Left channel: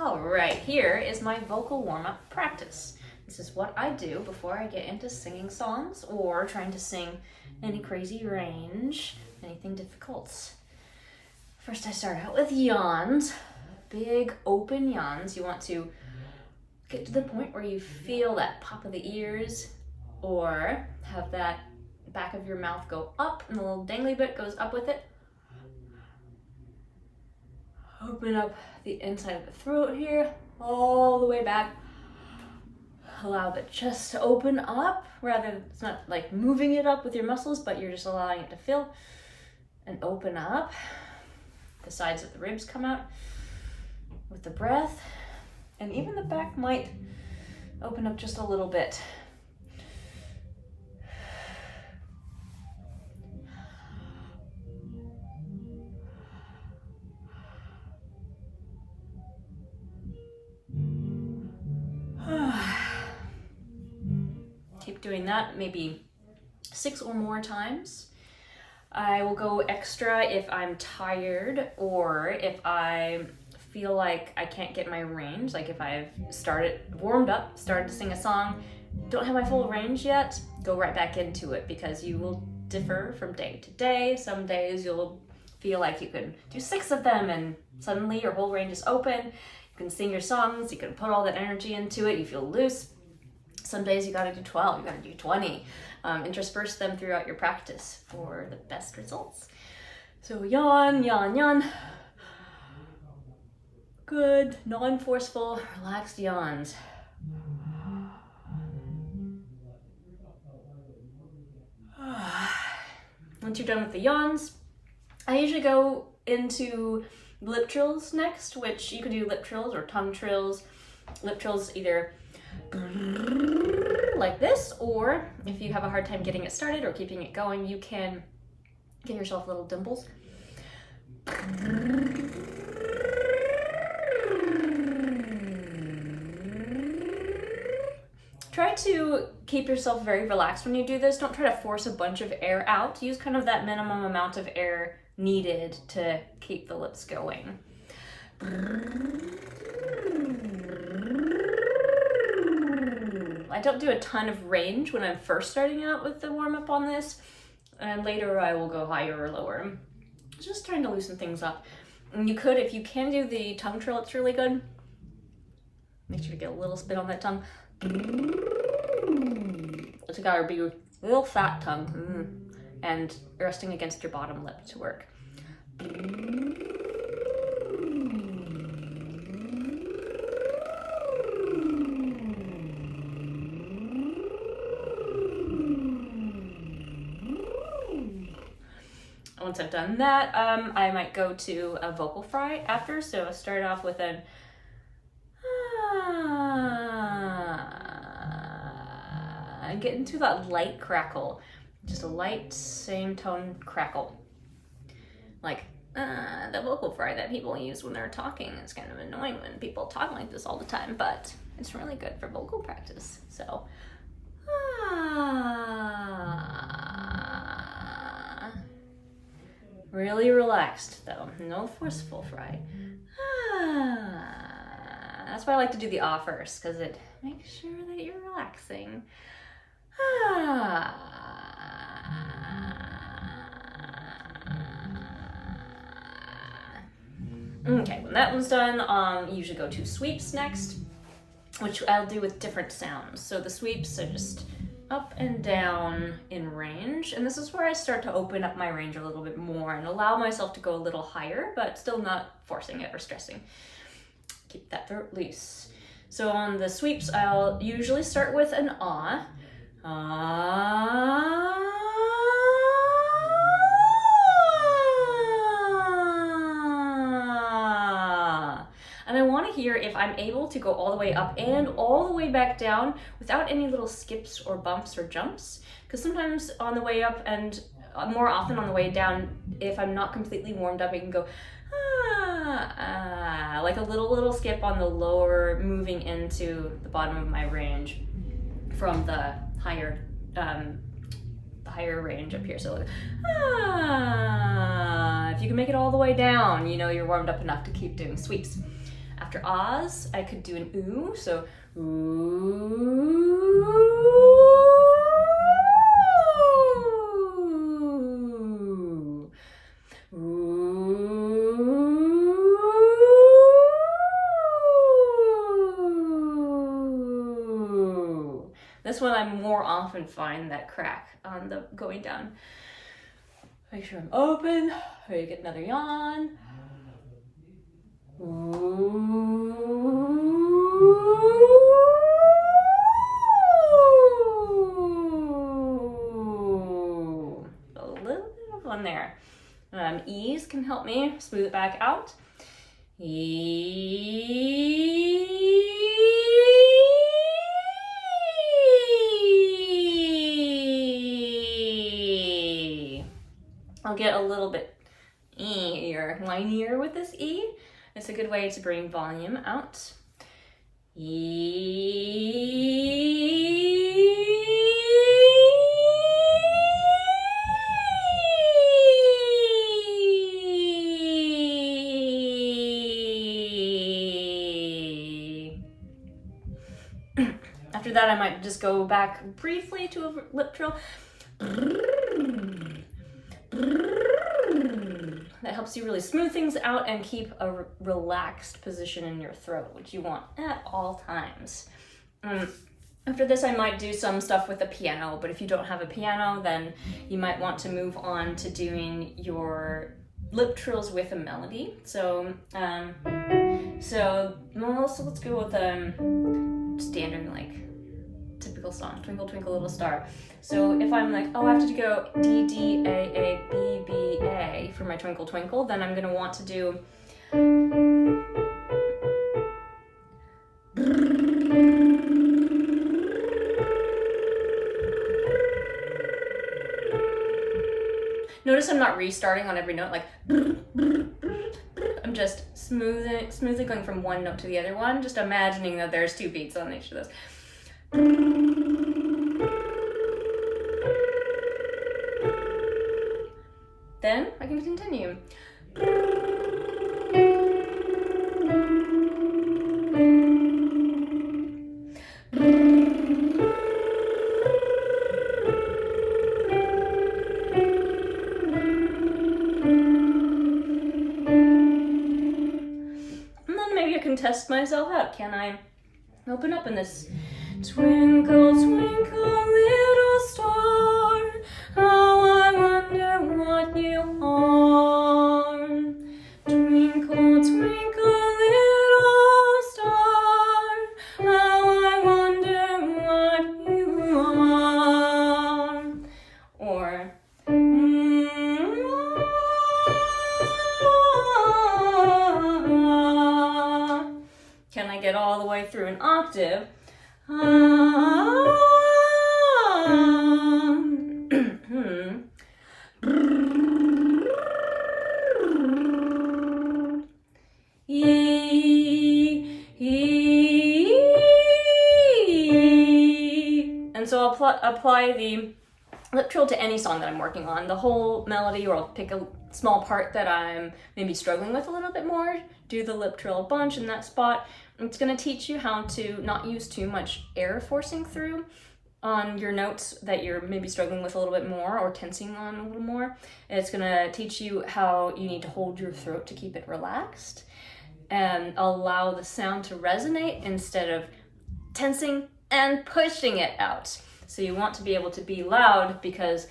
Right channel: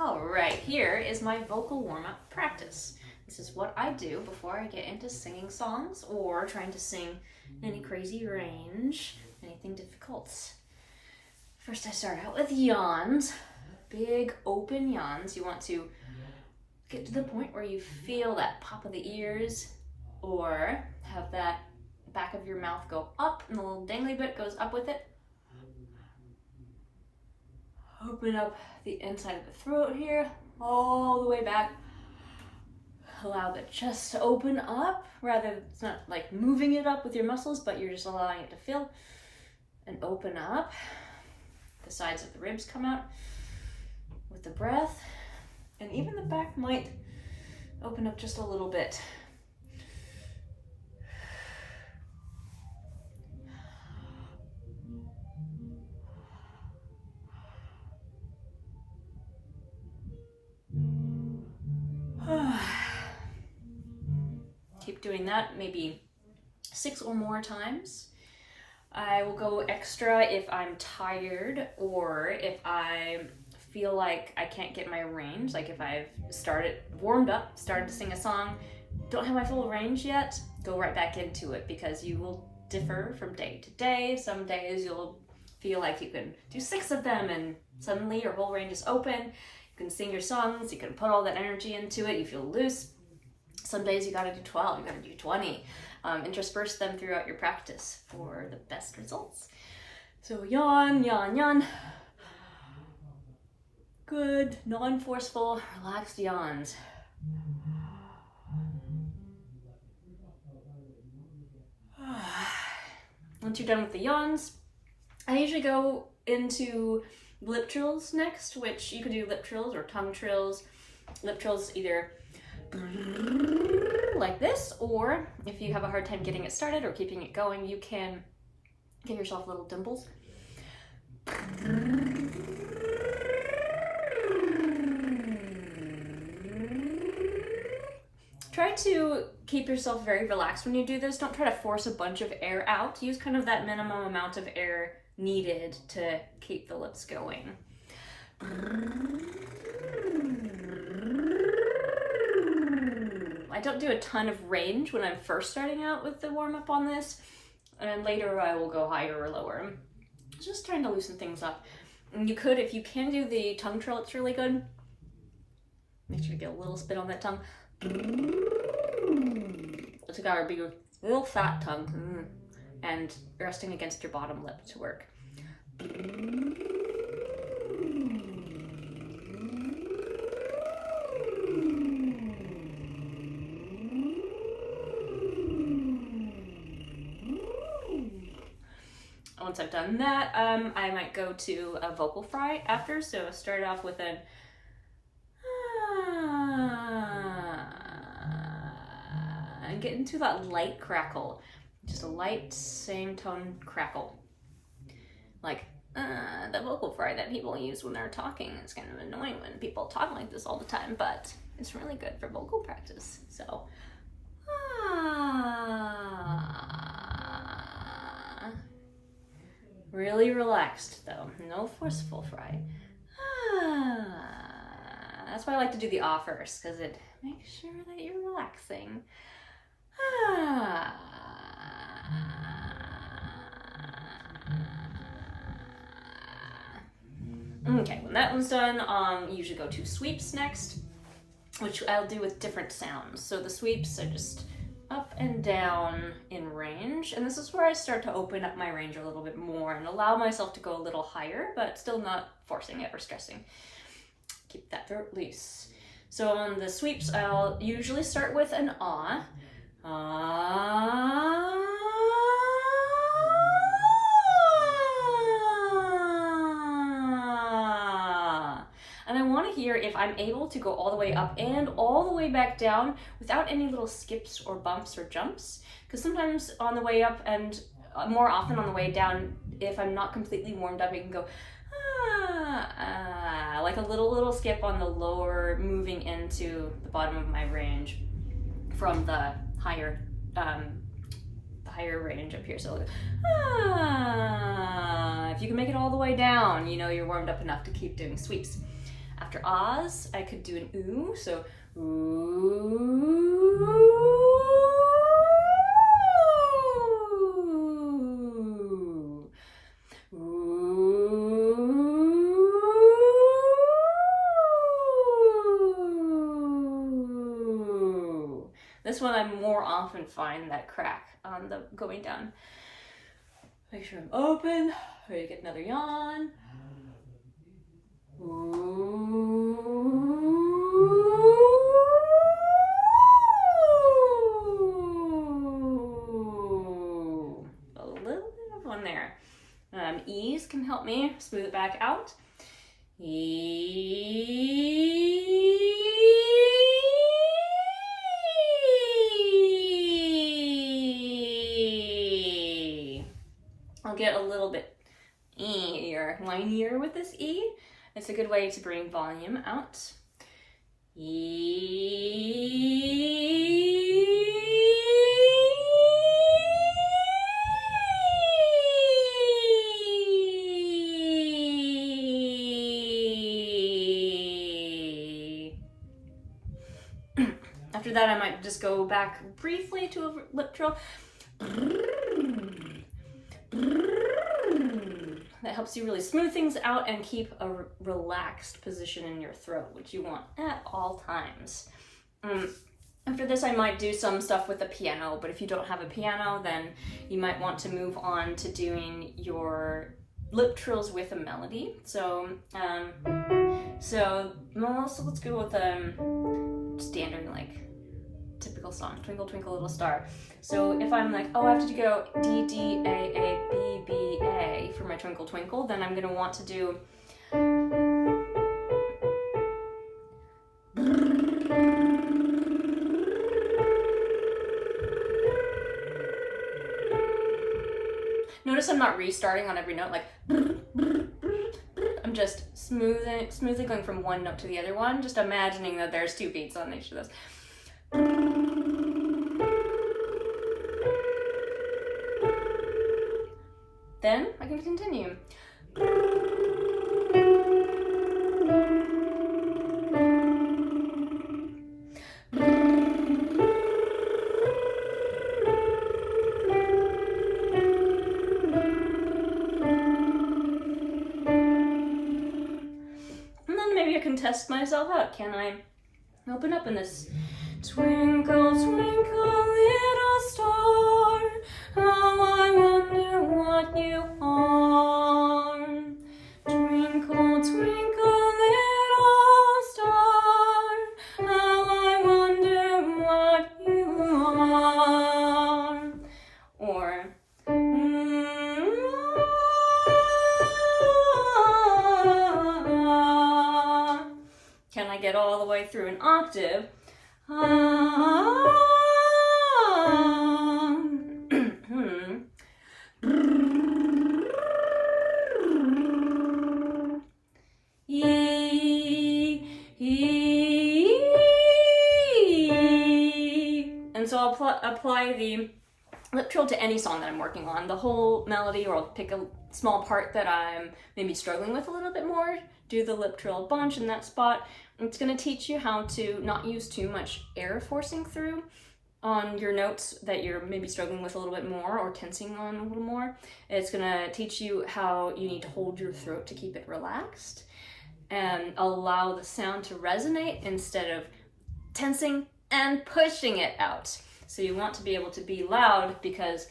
All right, here is my vocal warm-up practice. This is what I do before I get into singing songs or trying to sing any crazy range, anything difficult. First, I start out with yawns, big open yawns. You want to get to the point where you feel that pop of the ears or have that back of your mouth go up and the little dangly bit goes up with it. Open up the inside of the throat here, all the way back. Allow the chest to open up, rather it's not like moving it up with your muscles, but you're just allowing it to fill and open up. The sides of the ribs come out with the breath, and even the back might open up just a little bit. Keep doing that maybe 6 or more times. I will go extra if I'm tired or if I feel like I can't get my range, like if I've warmed up, started to sing a song, don't have my full range yet, go right back into it because you will differ from day to day. Some days you'll feel like you can do 6 of them and suddenly your whole range is open. You can sing your songs, you can put all that energy into it, you feel loose. Some days you gotta do 12, you gotta do 20. Intersperse them throughout your practice for the best results. So yawn, yawn, yawn. Good, non-forceful, relaxed yawns. Once you're done with the yawns, I usually go into lip trills next, which you can do lip trills or tongue trills. Lip trills either like this, or if you have a hard time getting it started or keeping it going, you can give yourself little dimples. Try to keep yourself very relaxed when you do this. Don't try to force a bunch of air out. Use kind of that minimum amount of air needed to keep the lips going. I don't do a ton of range when I'm first starting out with the warm-up on this, and later I will go higher or lower. Just trying to loosen things up. And you could, if you can do the tongue trill, it's really good. Make sure to get a little spit on that tongue. It's gotta be a real fat tongue, and resting against your bottom lip to work. Once I've done that, I might go to a vocal fry after. So I start off with an and get into that light crackle, just a light same tone crackle, like the vocal fry that people use when they're talking. It's kind of annoying when people talk like this all the time, but it's really good for vocal practice. So really relaxed though, no forceful fry. That's why I like to do the ah first, because it makes sure that you're relaxing. Okay, when that one's done, you usually go to sweeps next, which I'll do with different sounds. So the sweeps are just up and down in range, and this is where I start to open up my range a little bit more and allow myself to go a little higher, but still not forcing it or stressing. Keep that throat loose. So on the sweeps, I'll usually start with an ah. And I want to hear if I'm able to go all the way up and all the way back down without any little skips or bumps or jumps. Because sometimes on the way up and more often on the way down, if I'm not completely warmed up, I can go like a little skip on the lower, moving into the bottom of my range from the higher range up here. So if you can make it all the way down, you know you're warmed up enough to keep doing sweeps. After ahs, I could do an ooh, so ooh. Ooh. This one I more often find that crack on the going down. Make sure I'm open. Ready to get another yawn. Ooh. A little bit of one there. Ease can help me smooth it back out. I'll get a little bit easier, whinier with this E. It's a good way to bring volume out. After that, I might just go back briefly to a lip trill. That helps you really smooth things out and keep a relaxed position in your throat, which you want at all times. After this, I might do some stuff with the piano, but if you don't have a piano, then you might want to move on to doing your lip trills with a melody. So let's go with standard, like, typical song, Twinkle Twinkle Little Star. So if I'm like, oh, I have to go D, D, A, A, B, B, A for my Twinkle Twinkle, then I'm gonna want to do notice I'm not restarting on every note, like I'm just smoothly going from one note to the other one, just imagining that there's 2 beats on each of those. Then I can continue. And then maybe I can test myself out. Can I open up in this twinkle, twinkle, little star, how I wonder what you are. Twinkle, twinkle, little star, how I wonder what you are. Or can I get all the way through an octave? And so I'll apply the lip trill to any song that I'm working on, the whole melody, or I'll pick a small part that I'm maybe struggling with a little bit more, do the lip trill a bunch in that spot. It's going to teach you how to not use too much air forcing through on your notes that you're maybe struggling with a little bit more or tensing on a little more. It's going to teach you how you need to hold your throat to keep it relaxed and allow the sound to resonate instead of tensing and pushing it out. So you want to be able to be loud because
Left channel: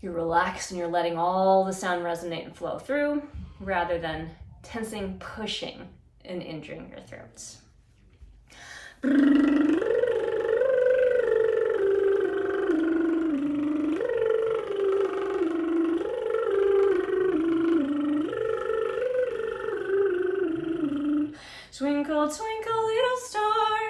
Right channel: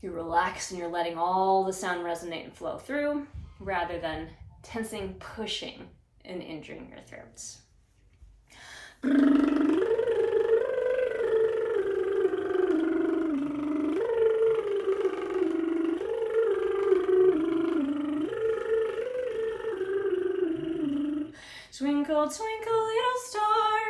you're relaxed and you're letting all the sound resonate and flow through rather than tensing, pushing, and injuring your throats. Twinkle, twinkle, little star,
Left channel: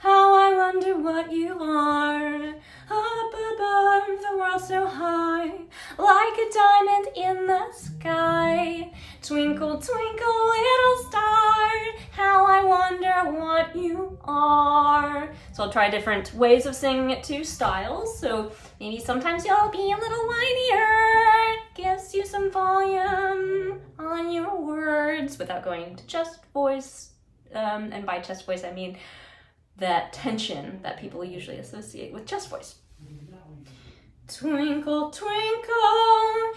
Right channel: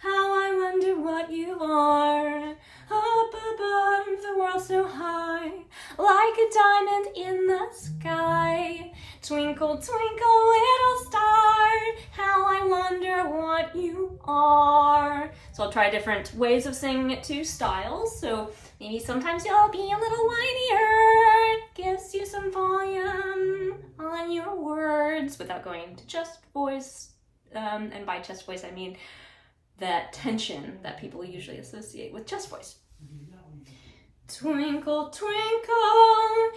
how I wonder what you are. Up above, the world so high, like a diamond in the sky. Twinkle, twinkle, little star, how I wonder what you are. So I'll try different ways of singing it, 2 styles. So maybe sometimes you'll be a little whinier. Gives you some volume on your words without going into just voice And by chest voice, I mean that tension that people usually associate with chest voice. Twinkle, twinkle,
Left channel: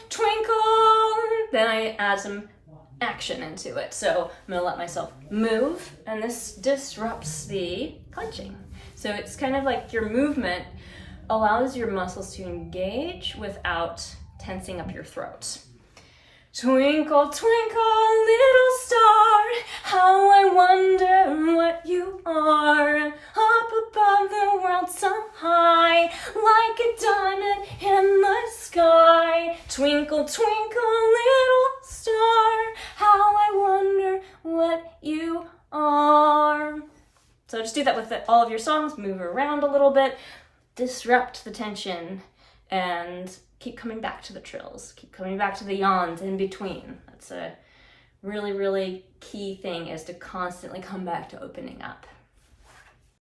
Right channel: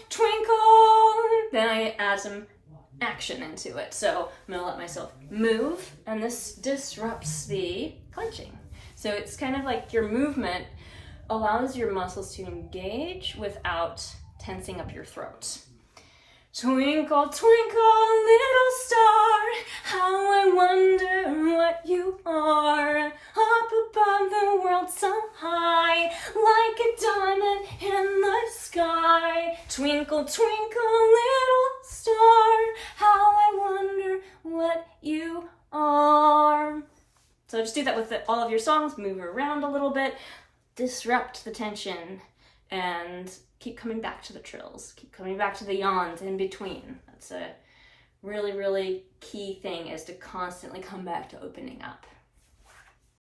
twinkle. Then I add some action into it. So I'm gonna let myself move, and this disrupts the clenching. So it's kind of like your movement allows your muscles to engage without tensing up your throat. Twinkle, twinkle, little star, how I wonder what you are. Up above the world so high, like a diamond in the sky. Twinkle, twinkle, little star, how I wonder what you are. So just do that with all of your songs. Move around a little bit, disrupt the tension, and keep coming back to the trills. Keep coming back to the yawns in between. That's a really, really key thing, is to constantly come back to opening up.